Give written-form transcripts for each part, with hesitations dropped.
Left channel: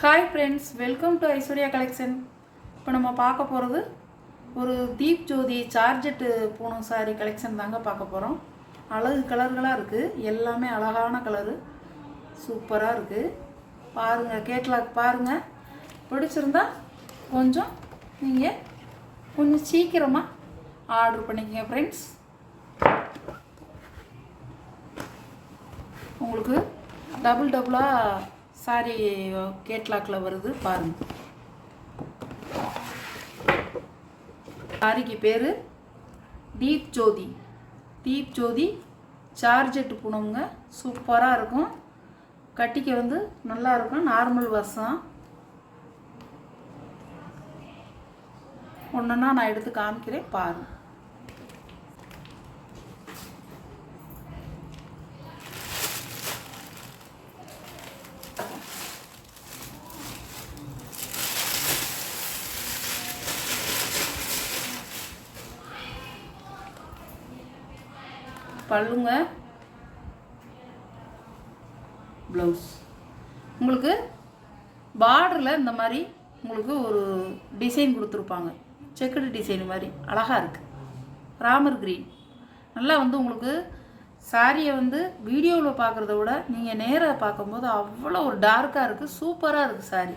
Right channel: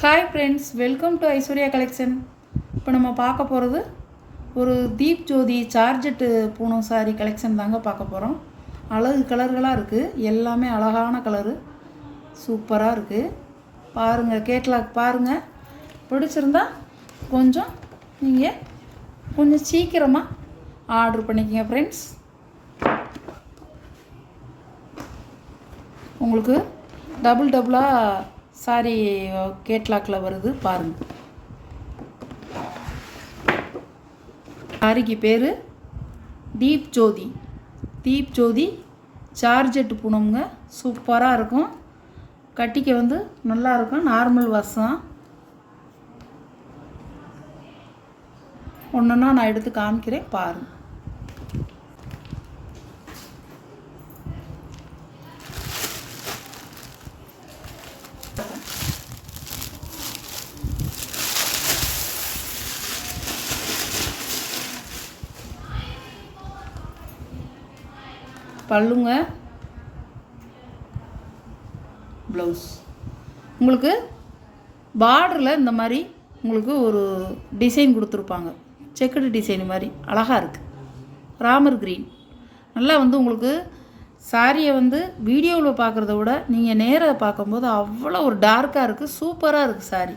Hi friends, welcome to Aishwarya collection. இப்போ நம்ம பார்க்க போகிறது ஒரு தீப் ஜோதி சார்ஜெட்டு பூனம் சாரி கலெக்ஷன் தாங்க பார்க்க போகிறோம். அழகு கலர்களாக இருக்குது, எல்லாமே அழகான கலரு, சூப்பராக இருக்குது. பாருங்கள், கேட்லாக் பாருங்கள். பிடிச்சிருந்தா நீங்கள் கொஞ்சம் சீக்கிரமாக ஆர்டர் பண்ணிக்கங்க ஃப்ரெண்ட்ஸ். உங்களுக்கு டபுளாக சாரி கேட்லாக்கில் வருது பாருங்கள். சாரிக்கு பேர் தீப் ஜோதி சார்ஜெட் பூனம்ங்க. சூப்பராக இருக்கும், கட்டிக்க நல்லா இருக்கும். நார்மல் வாசம் ஒன்றுன்னா நான் எடுத்து காமிக்கிறேன் பாருங்கள். பல்லுங்க, ப்ளவுஸ். உங்களுக்கு பார்டரில் இந்த மாதிரி உங்களுக்கு ஒரு டிசைன் கொடுத்துருப்பாங்க, செக்குடு டிசைன் மாதிரி அழகாக இருக்குது. ராமர் க்ரீன் நல்லா உங்களுக்கு சாரியை வீடியோவில் பார்க்குறத விட நீங்கள் நேராக பார்க்கும்போது அவ்வளோ ஒரு டார்க்காக இருக்குது, சூப்பராக இருக்குது சாரி,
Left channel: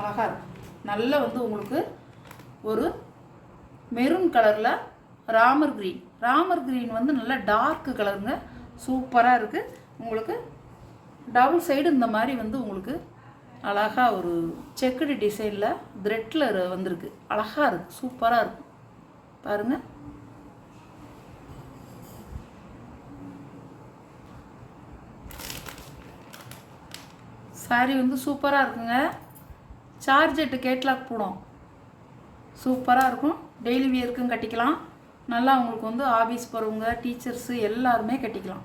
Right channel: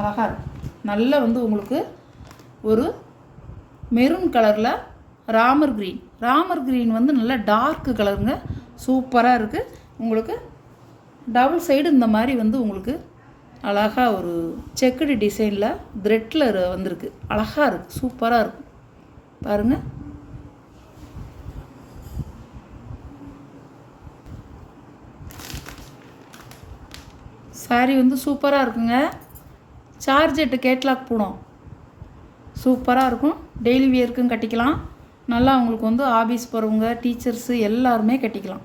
அழகாக இருக்குது. நல்லா உங்களுக்கு ஒரு மெரூன் கலரில் ராமர் க்ரீன் நல்லா டார்க்கு கலருங்க, சூப்பராக இருக்குது. உங்களுக்கு டபுள் சைடு இந்த மாதிரி உங்களுக்கு அழகாக ஒரு செக்குடு டிசைனில் த்ரெட்டில் வந்திருக்கு, அழகாக இருக்குது, சூப்பராக இருக்குது பாருங்கள். சாரி சூப்பராக இருக்குங்க. சார்ஜெட்டு கேட்லாக் பூனம் சூப்பராக இருக்கும். டெய்லி வியருக்கும் கட்டிக்கலாம். நல்லா உங்களுக்கு ஆஃபீஸ் போகிறவங்க, டீச்சர்ஸு எல்லாருமே கட்டிக்கலாம்.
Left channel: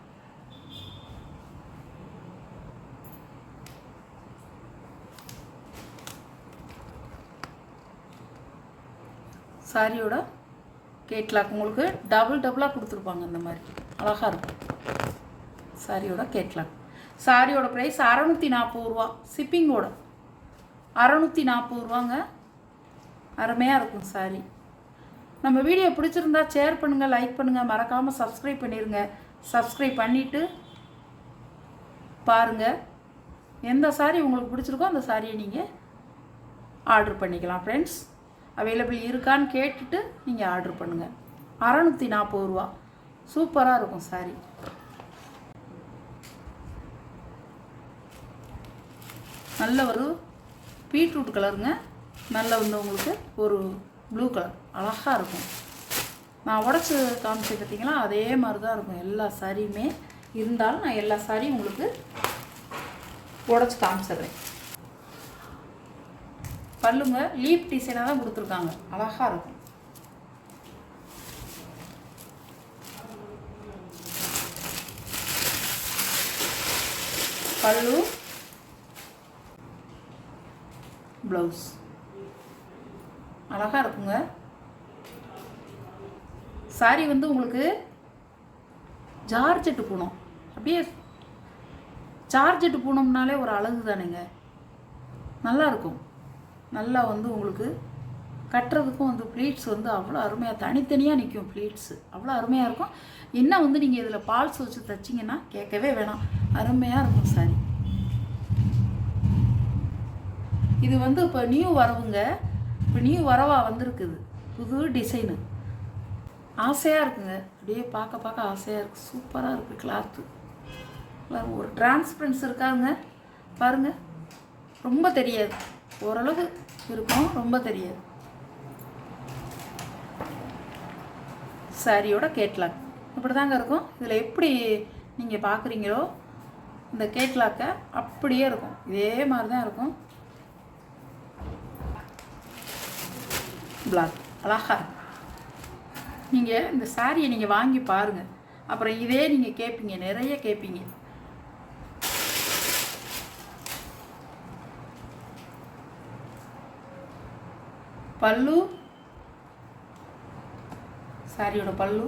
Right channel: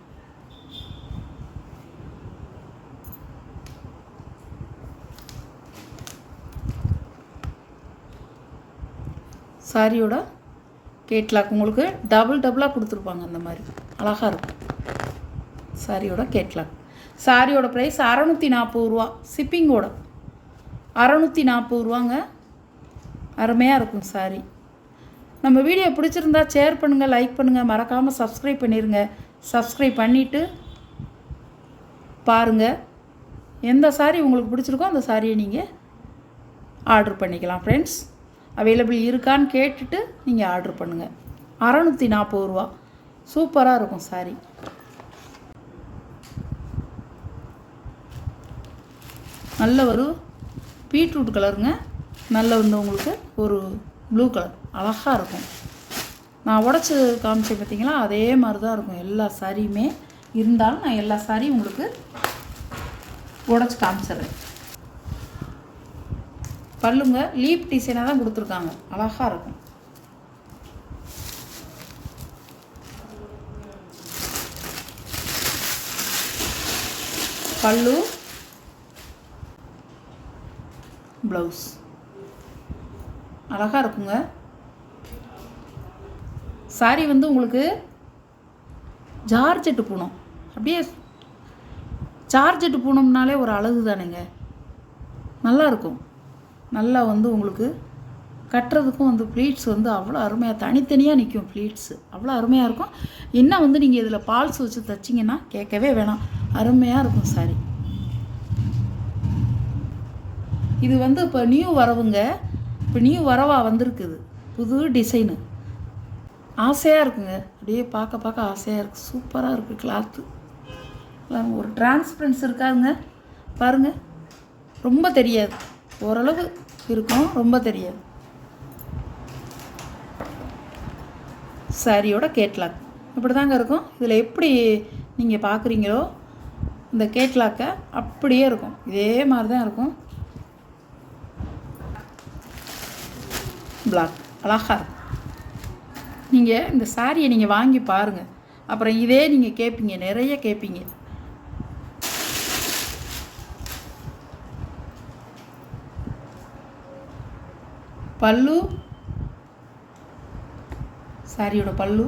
சாரியோட கேட்லாக் உங்களுக்கு டபுளாக கொடுத்துருப்பாங்க, அந்த மாதிரி அழகாக இருக்கும். சாரியோட கேட்லாக். சாரியோட ப்ரைஸ் 640 ரூபா, ஷிப்பிங்கோட 640 ரூபாங்க. அருமையாக இருக்கும் சாரி. நம்ம வீடியோ பிடிச்சிருந்தா ஷேர் பண்ணுங்கள், லைக் பண்ணுங்கள், மறக்காமல் சப்ஸ்கிரைப் பண்ணிடுங்க. சப்ஸ்கிரைப் பண்ணிவிட்டு பாருங்கள். எந்த சாரி உங்களுக்கு பிடிச்சிருக்கோ அந்த சாரியை நீங்கள் ஆர்டர் பண்ணிக்கலாம் ஃப்ரெண்ட்ஸ். அவைலபிள் இருக்கான்னு கேட்டுட்டு நீங்கள் ஆர்டர் பண்ணுங்கள். 640 ரூபா, சூப்பராக இருக்கும் சாரி. நல்ல ஒரு பீட்ரூட் கலருங்க, நல்ல உங்களுக்கு ஒரு ப்ளூ கலர், அழகாக இருக்கும். நான் உடச்சி காமிச்சேன் பார்த்தீங்களா, அதே மாதிரி தான் இருக்கும் எல்லா சாரியுமே. இருந்தாலும் நான் எல்லா சாரியும் உங்களுக்கு உடச்சி காமிச்சிடுறேன். பல்லுங்க லீப் டிசைனாக தான் கொடுத்துருக்காங்க, அழகாக இருக்கும். பல்லு, ப்ளவுஸ் அழகாக இருக்குங்க. சாரி உங்களுக்கு ஜார்ஜெட்டு பூனம், அப்படியே ஜார்ஜெட்டு பூனம்னாலே ஒரு அழகு தானேங்க, நல்லா இருக்கும். நல்லா உங்களுக்கு கட்டுறதுக்கும் ப்ளீட்ஸ் அவ்வளோ அருமையாக தனித்தனியாக நிற்கும். ப்ளீட்ஸு அவ்வளோ அருமையாக இருக்கும். இன்னும் நீங்கள் இதில் பால்ஸ் வச்சு தைச்சிங்கன்னா கேட்கவே வேணாம், அருமையாக இருக்கும் சாரி. இது இப்போ நியூ வரவுங்க, இப்போ நியூ வரவாக வந்திருக்குது, புது டிசைனு, ஆசையாக இருக்குங்க. அப்படியே பார்க்க ஆசையாக இருக்குது, சூப்பராக இருக்குது. கிளாத்து ஒரு டிரான்ஸ்பரன்ஸ் இருக்காதுங்க பாருங்கள், ரொம்ப தெரியாது, ஓரளவு இருக்கும், ரொம்ப தெரியாது. சாரியோட கேட்லாக் இப்படி தாங்க இருக்கும். இதில் எப்படி நீங்கள் பார்க்குறீங்களோ இந்த கேட்லாக்கை அப்படியே இருக்கும், இதே மாதிரி தான் இருக்கும். பிளாக் அழகாக இருக்கும். நீங்கள் இந்த சாரியை நீங்கள் வாங்கி பாருங்கள், அப்புறம் இதே நீங்கள் கேட்பீங்க, நிறைய கேட்பீங்க. பல்லு, சாரியோட பல்லு,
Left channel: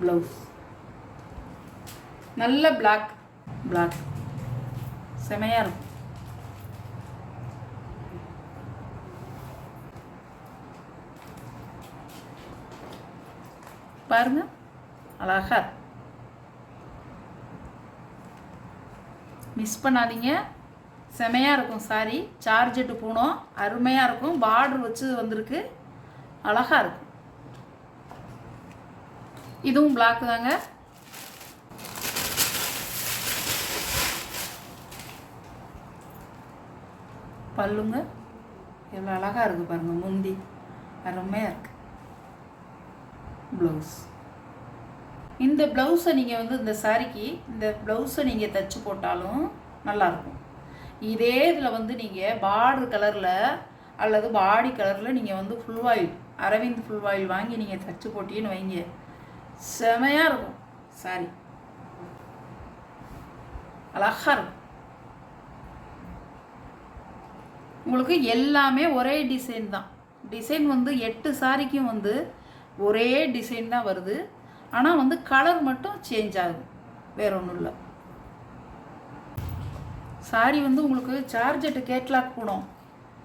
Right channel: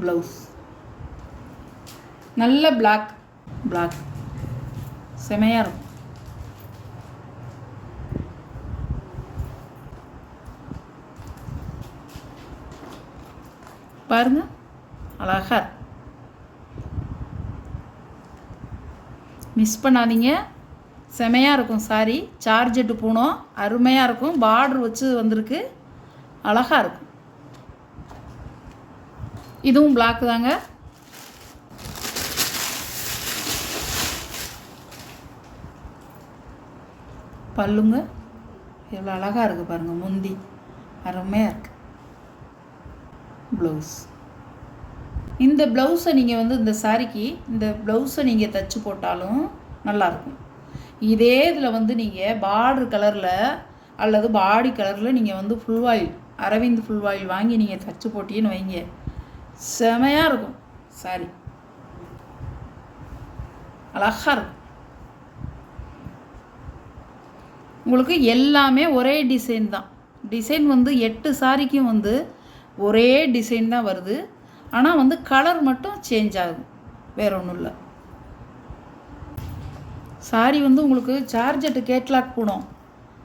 ப்ளவுஸ் நல்ல பிளாக் பிளாக் செமையாக இருக்கும். பாருங்க அழகா மிஸ் பண்ணாதீங்க. செமையாக இருக்கும் சாரி. சார்ஜெட்டு பூனம் அருமையாக இருக்கும். பார்டர் வச்சு வந்திருக்கு, அழகாக இருக்கும். இதுவும் பிளாக் தாங்க. பல்லுங்க எவ்வளோ அழகாக இருக்குது பாருங்கள். முந்தி அருமையாக இருக்குது. ப்ளவுஸ், இந்த ப்ளவுஸை நீங்கள் வந்து இந்த சாரிக்கு இந்த ப்ளவுஸை நீங்கள் தைச்சி போட்டாலும் நல்லாயிருக்கும். இதே இதில் வந்து நீங்கள் பார்டர் கலரில் அல்லது பாடி கலரில் நீங்கள் வந்து full oil Aravind full oil வாங்கி நீங்கள் தைச்சி போட்டீங்கன்னு வைங்க, செமையாக இருக்கும் சாரி. அழகாக இருக்கும். உங்களுக்கு எல்லாமே ஒரே டிசைன் தான். டிசைன் வந்து 8 சாரிக்கும் வந்து ஒரே டிசைன் தான் வருது. ஆனால் வந்து கலர் மட்டும் சேஞ்ச் ஆகுது, வேறு ஒன்றும் இல்லை. சாரி வந்து உங்களுக்கு சார்ஜெட்டு கேட்லாக் போடும்.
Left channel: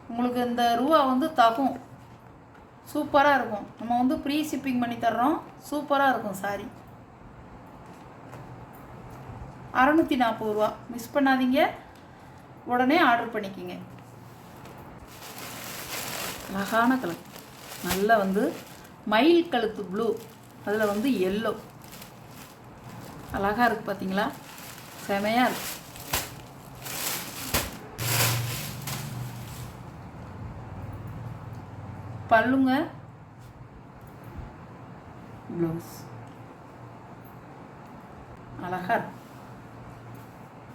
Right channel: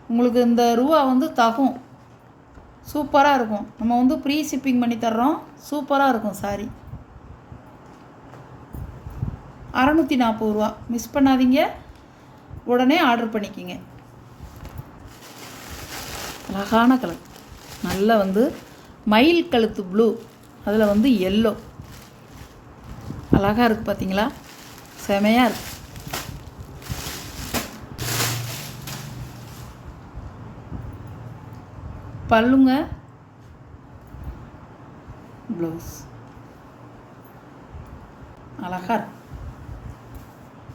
உங்களுக்கு இந்த ரூபா வந்து தகும், சூப்பராக இருக்கும். நம்ம வந்து ப்ரீ ஷிப்பிங் பண்ணி தர்றோம், சூப்பராக இருக்கும் சாரி. 640 ரூபா. மிஸ் பண்ணாதீங்க, உடனே ஆர்டர் பண்ணிக்கிங்க. அழகான கலர், நல்லா வந்து மயில் கழுத்து ப்ளூ, அதில் வந்து எல்லோ, அழகாக இருக்குது பார்த்தீங்களா, செமையாக இருக்குது. பல்லுங்க ப்ளவுஸ் அழகாக இருக்கு.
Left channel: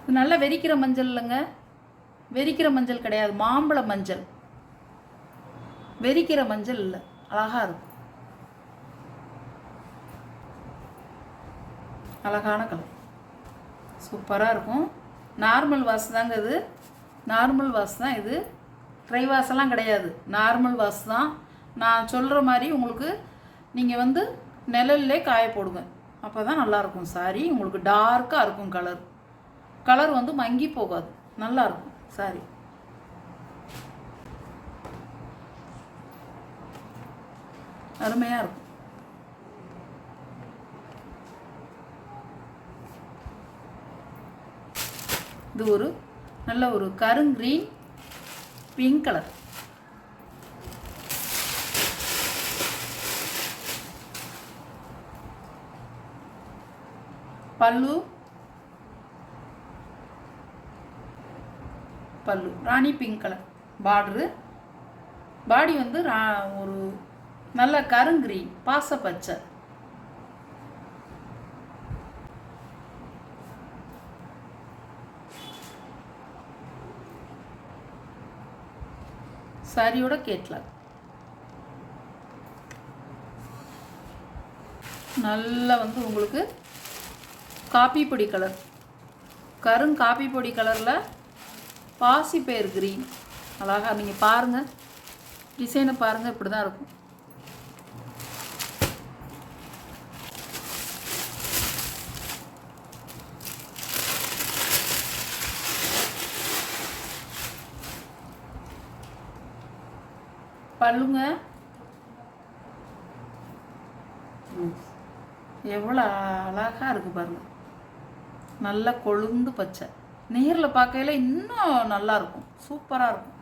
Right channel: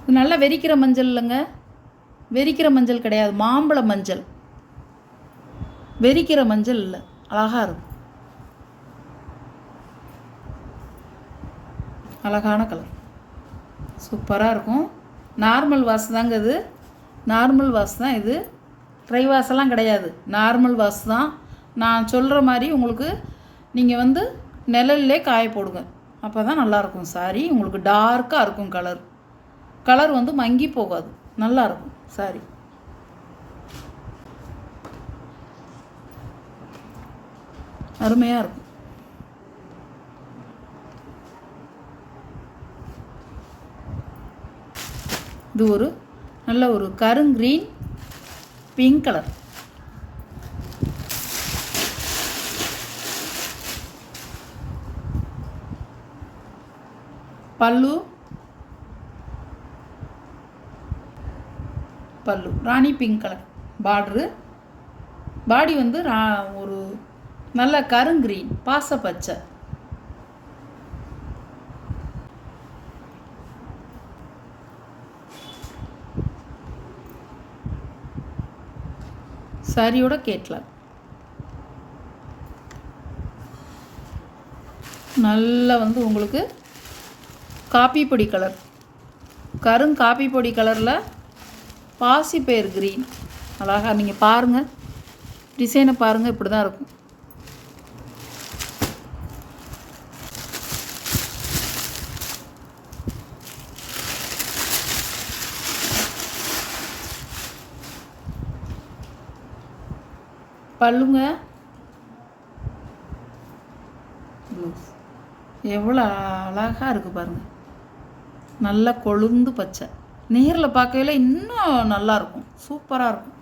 இது நல்லா வெறிக்கிற மஞ்சள் இல்லைங்க, வெறிக்கிற மஞ்சள் கிடையாது, மாம்பழ மஞ்சள், வெறிக்கிற மஞ்சள் இல்லை, அழகாக இருக்கும். அழகான கலர், சூப்பராக இருக்கும். நார்மல் வாஷ் தாங்க இது, நார்மல் வாஷ் தான் இது, ட்ரை வாஷெல்லாம் கிடையாது, நார்மல் வாஷ் தான். நான் சொல்கிற மாதிரி உங்களுக்கு நீங்கள் வந்து நிழல்லே காய போடுங்க, அப்போ தான் நல்லாயிருக்கும் சாரி. உங்களுக்கு டார்க்காக இருக்கும் கலர், கலர் வந்து மங்கி போகாது, நல்லாயிருக்கும் சாரி. அருமையாக இருக்கும். இது ஒரு நல்ல ஒரு கருங்கிரீன் பிங்க் கலர். பல்லு பல்லு ராணி பிங்க் கலர். பார்டரு பாடி வந்து ஒரு நல்ல கருங்கிரீன் பாச பச்சை. சாரியோட கேட்லாக் நல்லா வந்து உங்களுக்கு காப்பி பொடி கலர், காப்பி பொடி கலரில் பாசிப்பயிர் கிரீன், அழகாக நீங்கள் பாருங்கள், டிசைனை பாருங்கள், இப்படி தான் இருக்கும். பல்லுங்க எவ்வளோ அழகாக இருக்குது பாருங்கள், நல்லா கொழுந்து பச்சை, நேரில் பார்க்கையில இன்னும் நல்லாயிருக்கும், சூப்பராக இருக்கும்.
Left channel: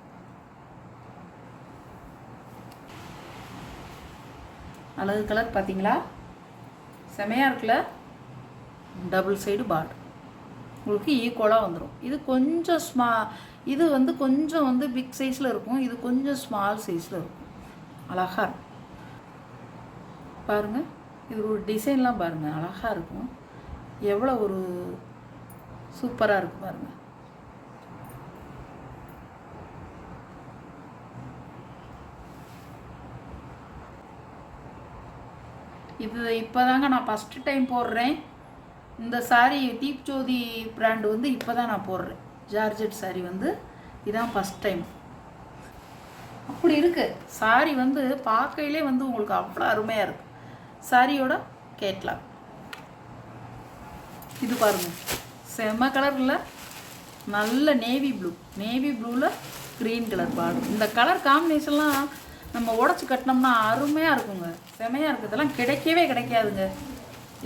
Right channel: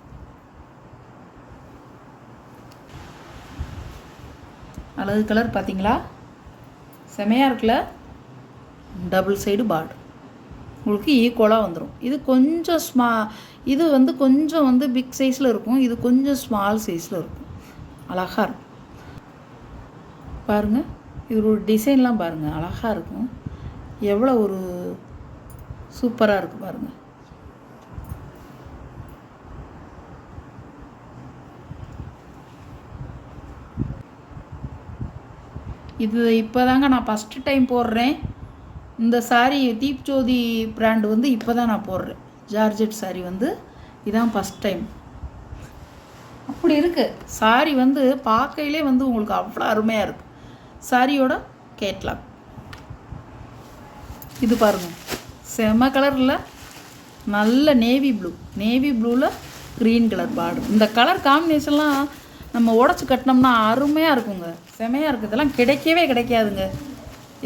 அழகு கலர் பார்த்தீங்களா, செமையாக இருக்குல்ல. டபுள் சைடு பார்டர் உங்களுக்கு ஈக்குவலாக வந்துடும். இது கொஞ்சம் இது வந்து கொஞ்சம் வந்து பிக் சைஸில் இருக்கும், இது கொஞ்சம் ஸ்மால் சைஸில் இருக்கும், அழகாக இருக்கும். பாருங்கள், இது ஒரு டிசைன்லாம் பாருங்கள், அழகாக இருக்கும். எவ்வளோ ஒரு சூப்பராக இருக்குது பாருங்கள். இது இப்போ தாங்க நான் ஃபஸ்ட்டு டைம் போடுறேன் இந்த சாரீ. தீப் ஜோதி பிராண்டு வந்து இப்போ தான் நான் போடுறேன். ஜார்ஜெட் சாரீ வந்து இதான் ஃபஸ்ட் டைம். அப்படி இருக்குது சாரீ வந்து பார்க்கையிலே வந்து உங்களுக்கு அவ்வளோ அருமையாக இருக்குது. சாரியோட கேட்லாக் இது பாருங்கள், செம கலரில் நல்ல நேவி ப்ளூவில் க்ரீன் கலர் பார்டர். இந்த கலர் காம்பினேஷன்லாம் நம்ம உடச்சி கட்டினோம்னா அருமையாக இருக்குங்க, செமையாக இருக்குது. இதெல்லாம் கிடைக்கவே கிடைக்காதுங்க.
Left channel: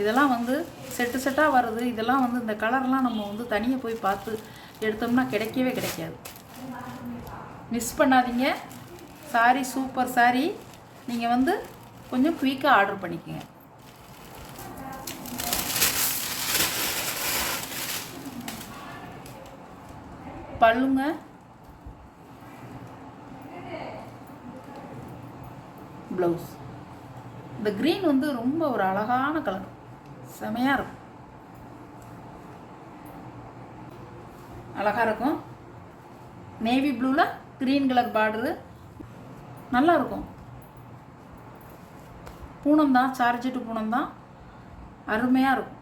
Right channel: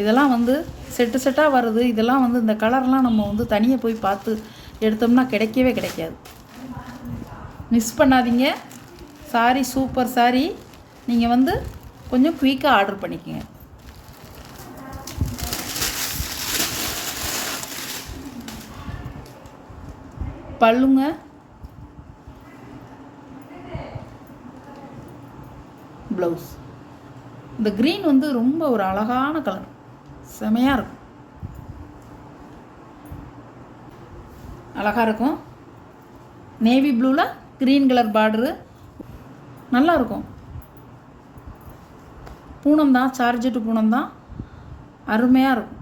இதெல்லாம் வந்து செட்டாக வருது. இதெல்லாம் வந்து இந்த கலர்லாம் நம்ம வந்து தனியாக போய் பார்த்து எடுத்தோம்னா கிடைக்கவே கிடைக்காது. மிஸ் பண்ணாதீங்க. Sorry super sorry. நீங்கள் வந்து கொஞ்சம் குயிக்காக ஆர்டர் பண்ணிக்கோங்க. பல்லுங்க ப்ளவுஸ். இந்த க்ரீன் வந்து ரொம்ப ஒரு அழகான கலர், செமையாக இருக்கும், அழகாக இருக்கும். நேவி ப்ளூவில் க்ரீன் கலர் பார்டரு நல்லாயிருக்கும். பூனம் தான், சார்ஜெட்டு பூனம் தான், அருமையாக இருக்கும்.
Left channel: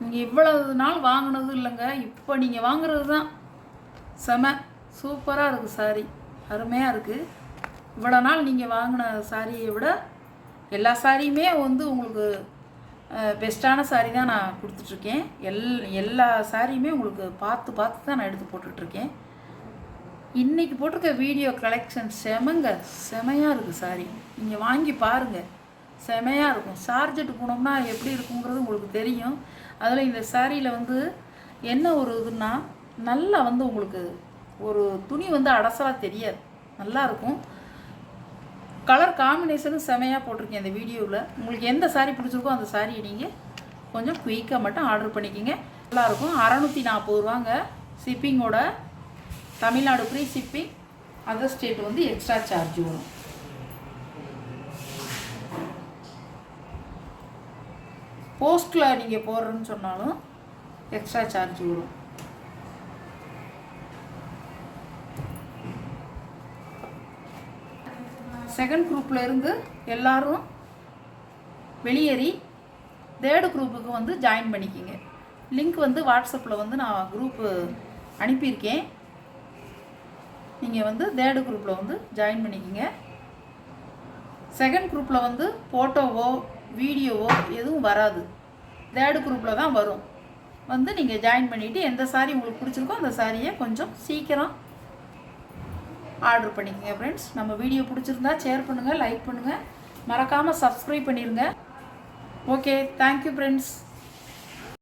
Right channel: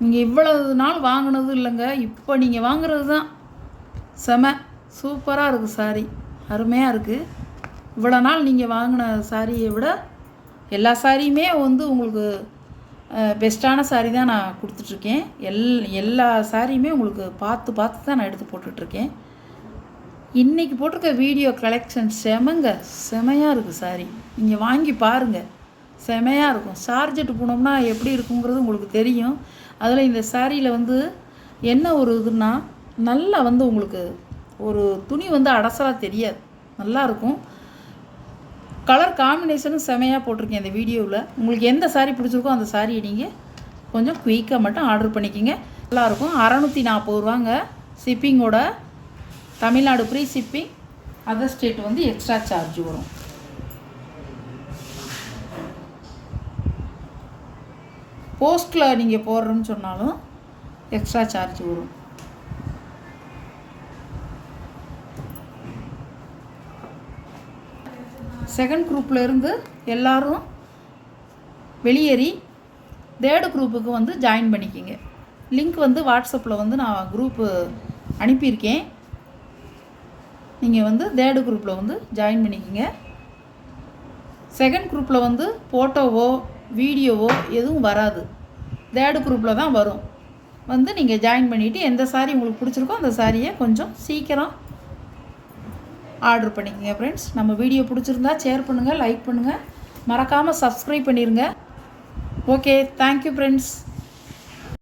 நீங்கள் இவ்வளவு நாள் வாங்கினது இல்லைங்க, இப்போ நீங்கள் வாங்குறது தான் செம சூப்பராக இருக்குது. சாரி அருமையாக இருக்குது. இவ்வளோ நாள் நீங்கள் வாங்கின சாரியை விட எல்லா சாரியுமே வந்து உங்களுக்கு பெஸ்ட்டான சாரி தான் நான் கொடுத்துட்ருக்கேன். எல்லா சாரியுமே உங்களுக்கு பார்த்து தான் நான் எடுத்து போட்டுட்ருக்கேன். இன்றைக்கி போட்டிருக்க வீடியோ கலெக்ஷன் செமையாக இருக்குது சாரி. நீங்கள் வாங்கி பாருங்கள், செமையாக இருக்கும். சார்ஜெட்டு போனோம்னா எப்படி இருக்குங்கிறது உங்களுக்கு தெரியும். அதில் இந்த சாரியில் வந்து என்ன ஒரு இதுன்னா, நல்லா வந்து உங்களுக்கு ஒரு துணி வந்து அடசலாக தெரியாது, நல்லாயிருக்கும். கலர் காம்பினேஷனும் செமையாக போட்டிருக்கேன் இந்த வீடியோவில். உங்களுக்கு எந்த சாரீ பிடிச்சிருக்கோ அந்த சாரியை நீங்கள் கொஞ்சம் குயிக்காக மட்டும் ஆர்டர் பண்ணிக்கிங்க. நல்லாயிருக்கும். 640 ரூபாங்க ஷிப்பிங்கோட. தமிழ்நாடு ஃப்ரீ ஷிப்பிங், அதர் ஸ்டேட் வந்து எக்ஸ்ட்ரா சார்ஜ் வரும். போஸ்ட்டில் நீங்கள் போடுறேன்னு சொன்னாலும் எக்ஸ்ட்ரா சார்ஜ் வரும். செகண்ட் குரூப்பில் இருந்து எல்லோரும் வெளியேறி தேர்டு குரூப்புக்கு வந்து ஜாயின் பண்ணிக்கிங்க. லிங்க் வந்து வாட்ஸ்அப்பில் வந்து நான் குரூப்பு அனுப்பியிருக்கேன். நீங்கள் வந்து தேர்டு குரூப்பில் வந்து ஜாயின் பண்ணிக்கிங்க. செகண்ட் குரூப்பில் வந்து ஃபோட்டோவோ வீடியோவோ எதுவும் வராது, தேர்டு குரூப்பில் தான் வரும். வந்து நீங்கள் ஜாயின் பண்ணிவிட்டு எந்த சாரி உங்களுக்கு பிடிச்சிருக்கோ அந்த சாரியை கொஞ்சம் சீக்கிரம் ஆர்டர் பண்ணிக்கங்க ஃப்ரெண்ட்ஸ். நம்ம வீடியோ பிடிச்சிருந்தா ஷேர் பண்ணுங்கள், லைக் பண்ணுங்கள், மறக்காமல் சப்ஸ்கிரைப் பண்ணிடுங்க. Okay, thank you friends.